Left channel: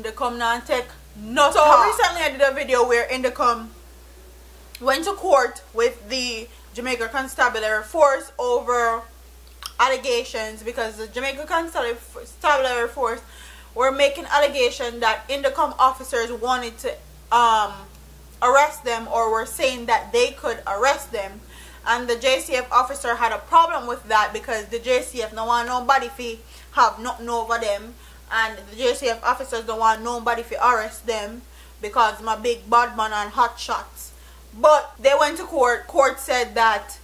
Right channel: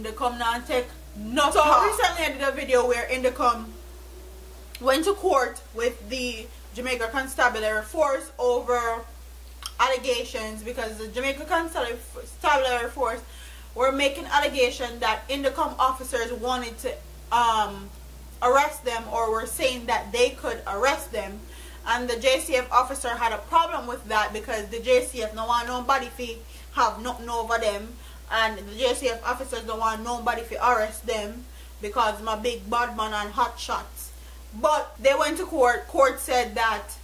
Indecome not take no talk. So recently I did a video where Indecome went to court with the Jamaica Constabulary Force over allegations, because the Jamaica Constabulary Force were making allegations that Indecome officers wanted to arrest them, or were saying that they could arrest them, and the JCF officer had a problem with that because the JCF don't want nobody to have nothing over them, and the JCF officers don't want nobody to arrest them because my big bad man and hot shots. But they went to court. Court said that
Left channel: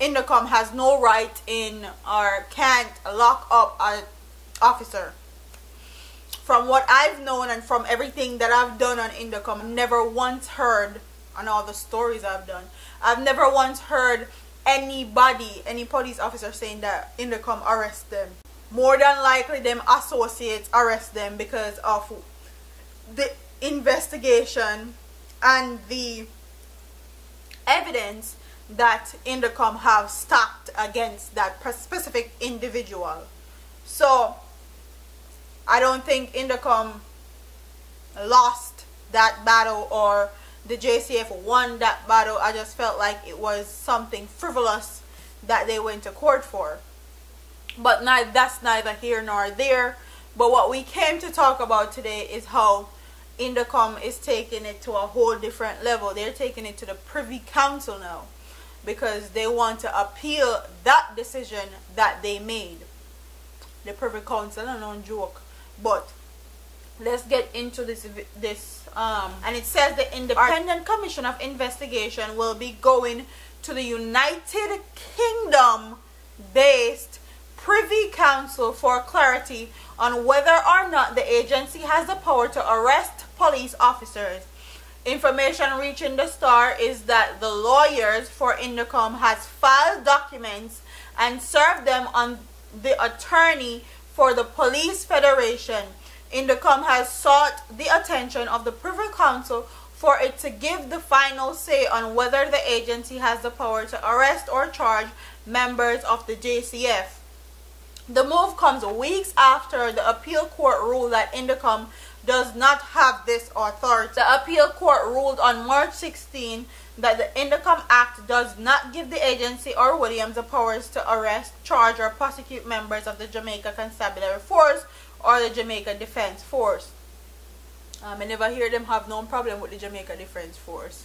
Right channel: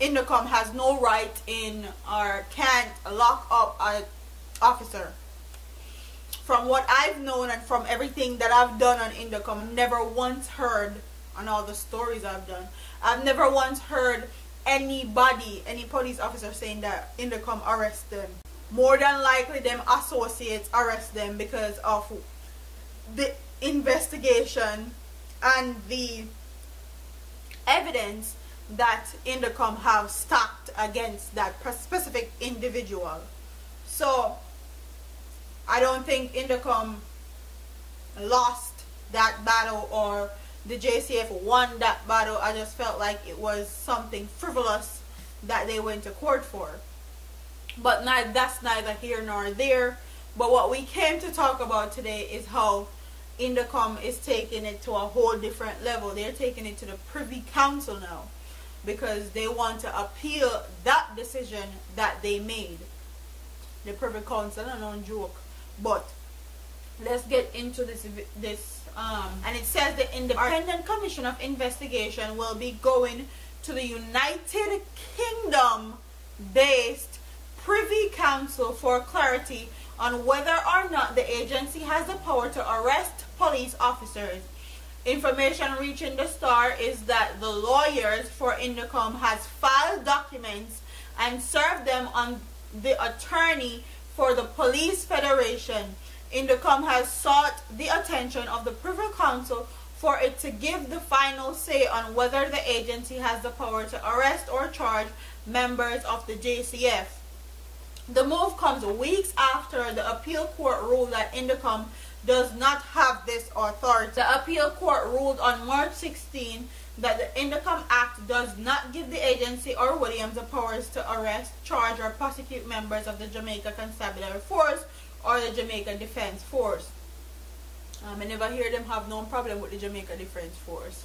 Indecome has no right in or can't lock up an officer. From what I've known and from everything that I've done on Indecome, I've never once heard, on all the stories I've done, I've never once heard anybody, any police officer saying that Indecome arrest them. More than likely them associates arrest them because of the investigation and the evidence that Indecome have stacked against that specific individual. So I don't think Indecome lost that battle or the JCF won that battle. I just felt like it was something frivolous that they went to court for. But that's neither here nor there. But what we came to talk about today is how Indecome is taking it to a whole different level. They're taking it to the Privy Council now, because they want to appeal that decision that they made. The Privy Council, I don't joke. But let's get into this and it says the Independent Commission of Investigation will be going to the United Kingdom based Privy Council for clarity on whether or not the agency has the power to arrest police officers. Information reaching the Star is that the lawyers for Indecome has filed documents and served them on the attorney for the Police Federation. Indecome has sought the attention of the Privy Council for it to give the final say on whether the agency has the power to arrest or charge members of the JCF. The move comes weeks after the appeal court ruled that Indecome does not have this authority. The appeal court ruled on March 16 that the Indecome Act does not give the agency or Williams the powers to arrest, charge, or prosecute members of the Jamaica Constabulary Force or the Jamaica Defense Force. I never hear them have no problem with the Jamaica Defense Force.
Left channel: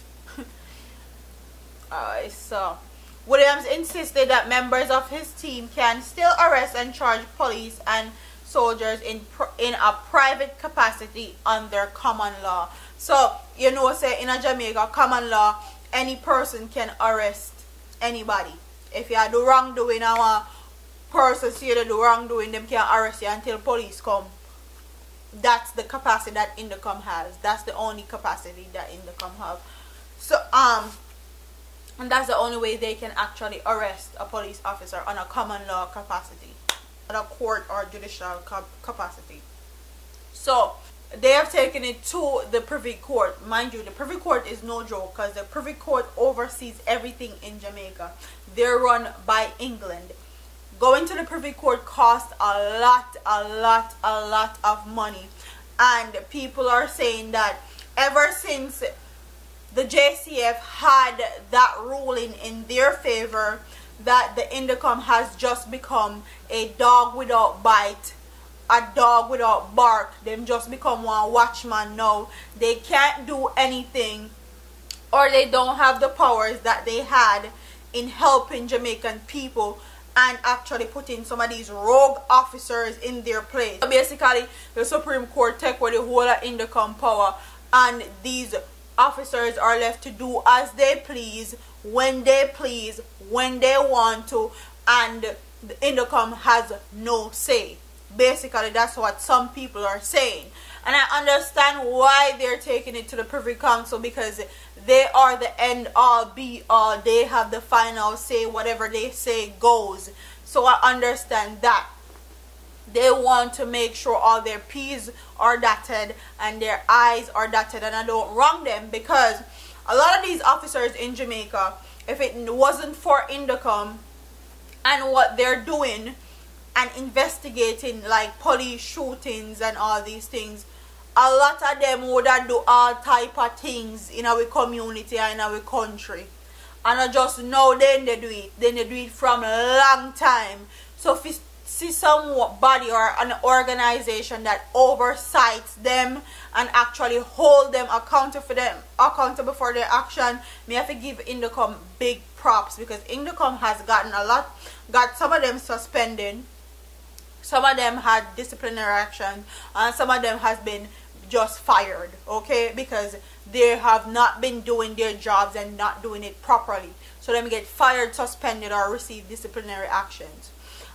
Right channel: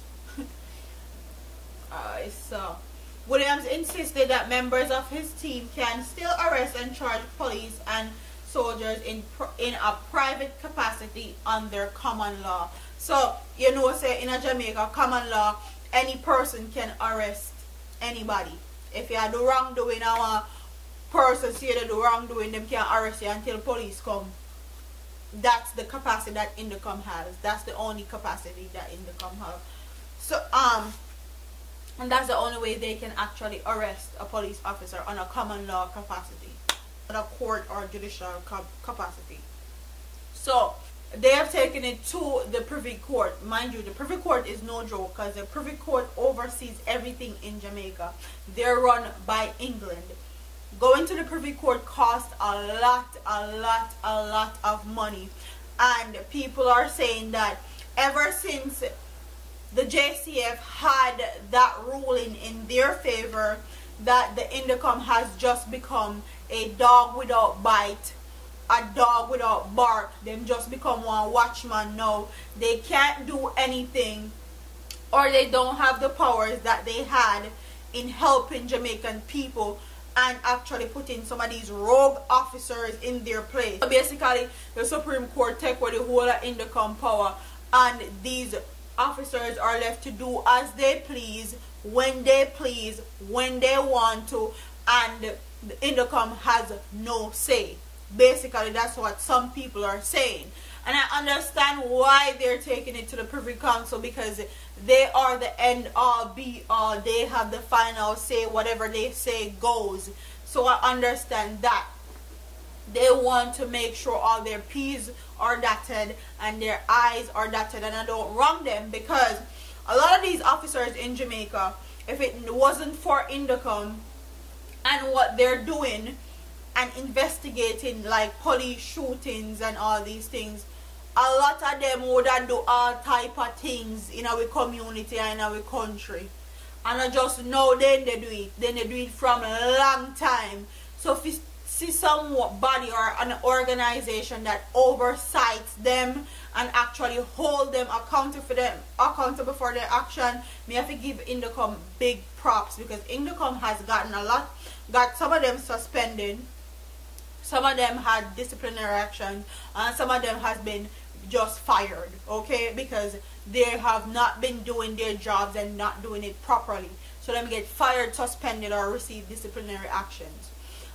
So Williams insisted that members of his team can still arrest and charge police and soldiers in a private capacity under common law. So, you know, say in a Jamaica common law, any person can arrest anybody. If you do wrongdoing, a person see you do wrongdoing, them can arrest you until police come. That's the capacity that Indecome has. That's the only capacity that Indecome have. So, and that's the only way they can actually arrest a police officer on a common law capacity, on a court or judicial capacity. So they have taken it to the Privy Court. Mind you, the Privy Court is no joke, because the Privy Court oversees everything in Jamaica. They're run by England. Going to the Privy Court costs a lot of money, and people are saying that ever since the JCF had that ruling in their favor, that the Indecome has just become a dog without bite, a dog without bark. Them just become one watchman now. They can't do anything, or they don't have the powers that they had in helping Jamaican people and actually putting some of these rogue officers in their place. So basically, the Supreme Court take away the whole of Indecome power, and these officers are left to do as they please, when they please, when they want to, and the Indecome has no say. Basically, that's what some people are saying. And I understand why they're taking it to the Privy Council, because they are the end all be all. They have the final say. Whatever they say goes. So I understand that. They want to make sure all their P's are dotted and their I's are dotted, and I don't wrong them, because a lot of these officers in Jamaica, if it wasn't for Indecome and what they're doing and investigating, like police shootings and all these things, a lot of them would do all type of things in our community and in our country. And I just know then they do it. Then they do it from a long time. So if you see somebody or an organization that oversights them and actually hold them accountable for their action, me have to give Indecome big props, because Indecome has got some of them suspended, some of them had disciplinary action, and some of them has been just fired, okay, because they have not been doing their jobs and not doing it properly. So them get fired, suspended, or receive disciplinary actions.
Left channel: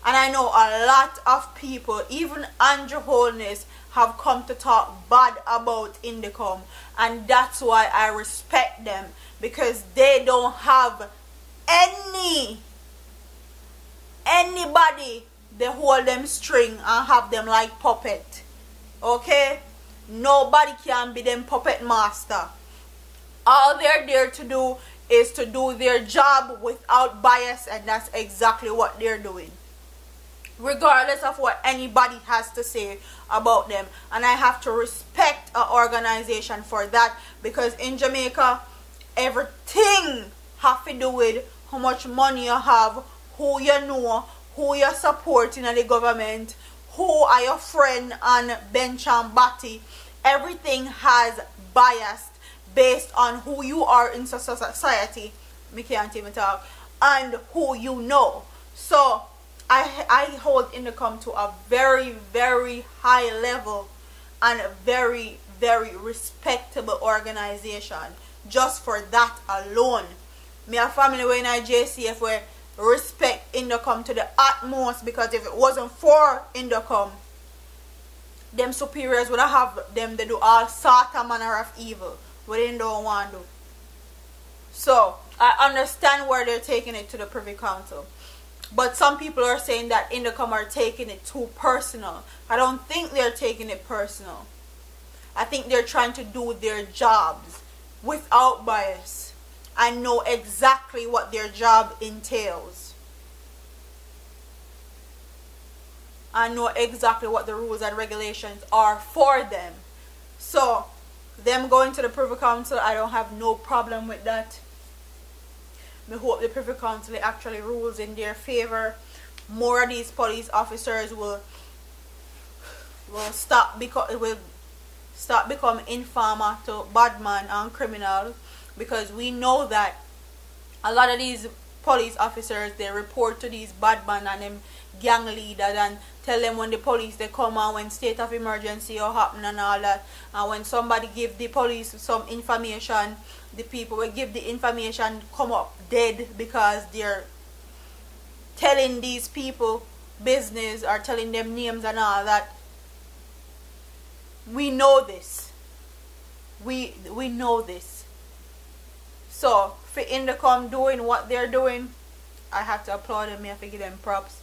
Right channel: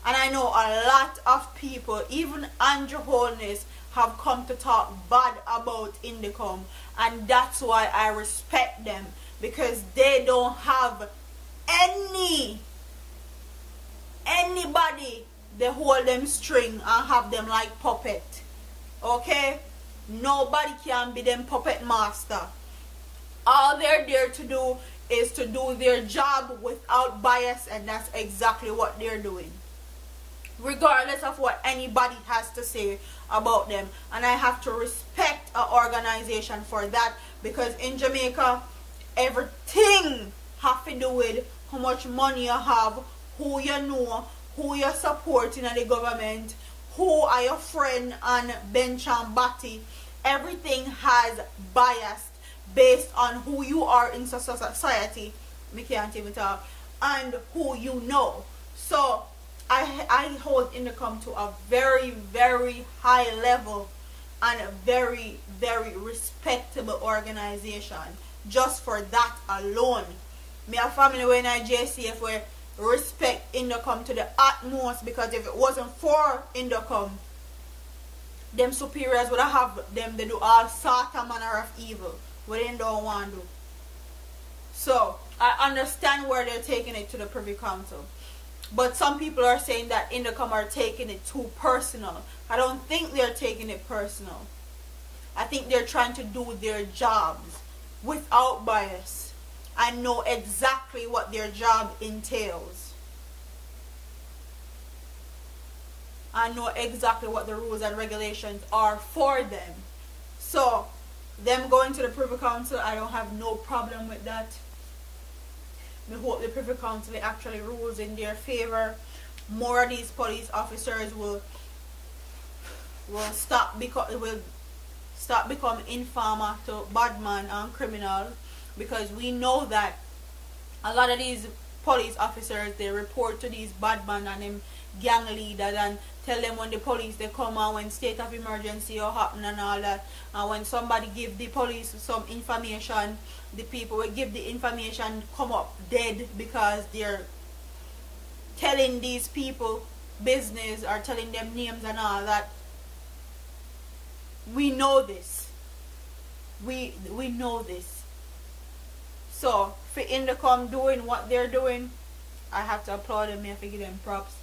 And I know a lot of people, even Andrew Holness, have come to talk bad about Indecome, and that's why I respect them, because they don't have anybody they hold them string and have them like puppet, okay? Nobody can be them puppet master. All they're there to do is to do their job without bias, and that's exactly what they're doing, regardless of what anybody has to say about them. And I have to respect an organization for that, because in Jamaica, everything have to do with how much money you have, who you know, who you're supporting in the government, who are your friend on bench and body. Everything has bias based on who you are in society. Me can't even talk. And who you know. So I hold Indecome to a very, very high level and a very, very respectable organization. Just for that alone. Me a family way in JCF where respect Indecome to the utmost, because if it wasn't for Indecome, them superiors would have them they do all sort of manner of evil what they don't want to do. So I understand where they're taking it to the Privy Council, but some people are saying that Indecome are taking it too personal. I don't think they're taking it personal. I think they're trying to do their jobs without bias and know exactly what their job entails. I know exactly what the rules and regulations are for them. So, them going to the Privy Council, I don't have no problem with that. I hope the Privy Council actually rules in their favor. More of these police officers will stop become informer to bad man and criminal, because we know that a lot of these police officers, they report to these bad men and them gang leaders and tell them when the police they come and when state of emergency or happen and all that. And when somebody give the police some information, the people will give the information come up dead, because they're telling these people business or telling them names and all that. We know this. We know this. So for Indecome doing what they're doing, I have to applaud them. I have to give them props.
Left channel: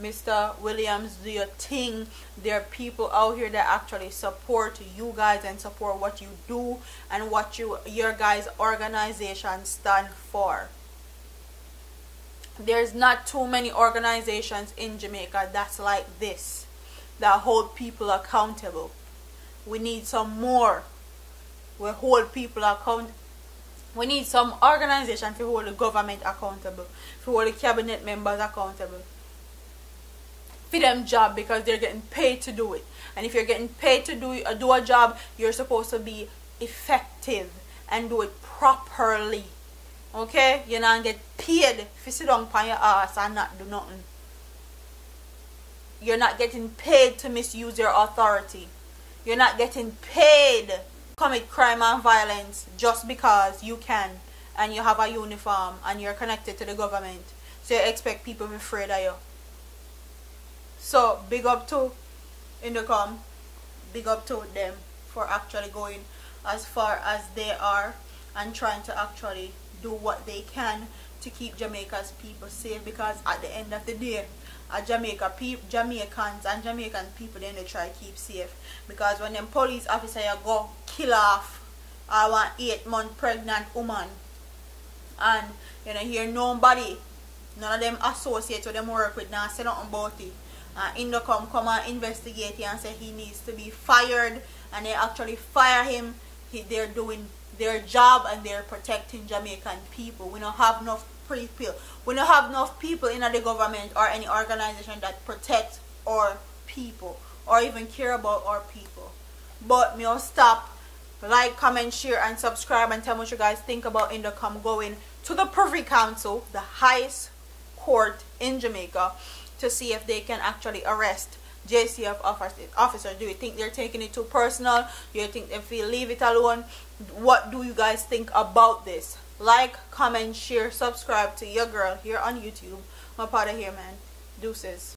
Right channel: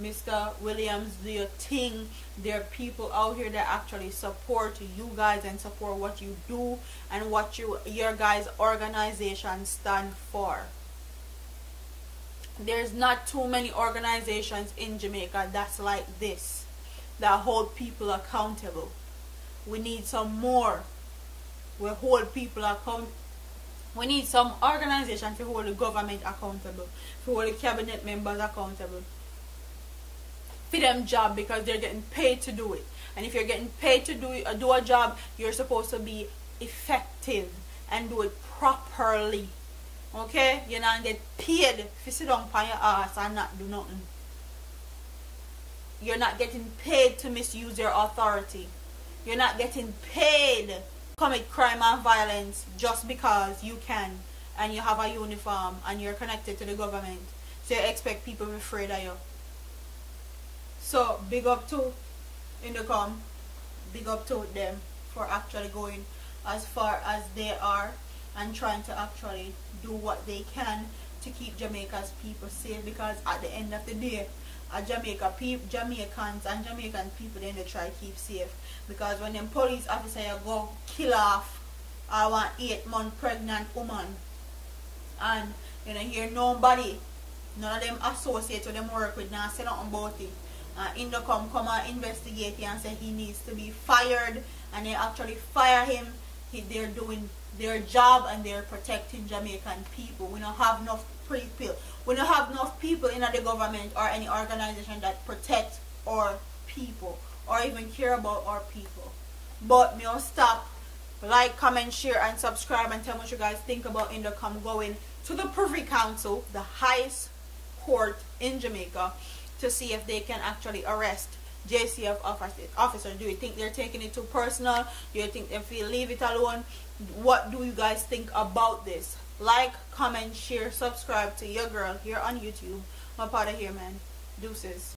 Mr. Williams, do your thing. There are people out here that actually support you guys and support what you do and what your guys' organization stand for. There's not too many organizations in Jamaica that's like this, that hold people accountable. We need some more. We hold people accountable. We need some organization to hold the government accountable, to hold the cabinet members accountable for them job, because they're getting paid to do it. And if you're getting paid to do a job, you're supposed to be effective and do it properly. Okay? You not get paid to sit down on your ass and not do nothing. You're not getting paid to misuse your authority. You're not getting paid to commit crime and violence just because you can and you have a uniform and you're connected to the government. So you expect people to be afraid of you. So big up to Indecome. Big up to them for actually going as far as they are and trying to actually do what they can to keep Jamaica's people safe, because at the end of the day, Jamaicans and Jamaican people, then they try to keep safe. Because when them police officer go kill off one 8-month pregnant woman, and you know hear nobody, none of them associates with them work with, now say nothing about it, Indecome come and investigate and say he needs to be fired and they actually fire him, they're doing their job and they're protecting Jamaican people. We don't have enough people. We don't have enough people in the government or any organization that protect our people or even care about our people. But me will stop. Like, comment, share, and subscribe, and tell me what you guys think about Indecome going to the Privy Council, the highest court in Jamaica, to see if they can actually arrest JCF officers. Do you think they're taking it too personal? Do you think if we leave it alone? What do you guys think about this? Like, comment, share, subscribe to your girl here on YouTube. My part of here, man. Deuces.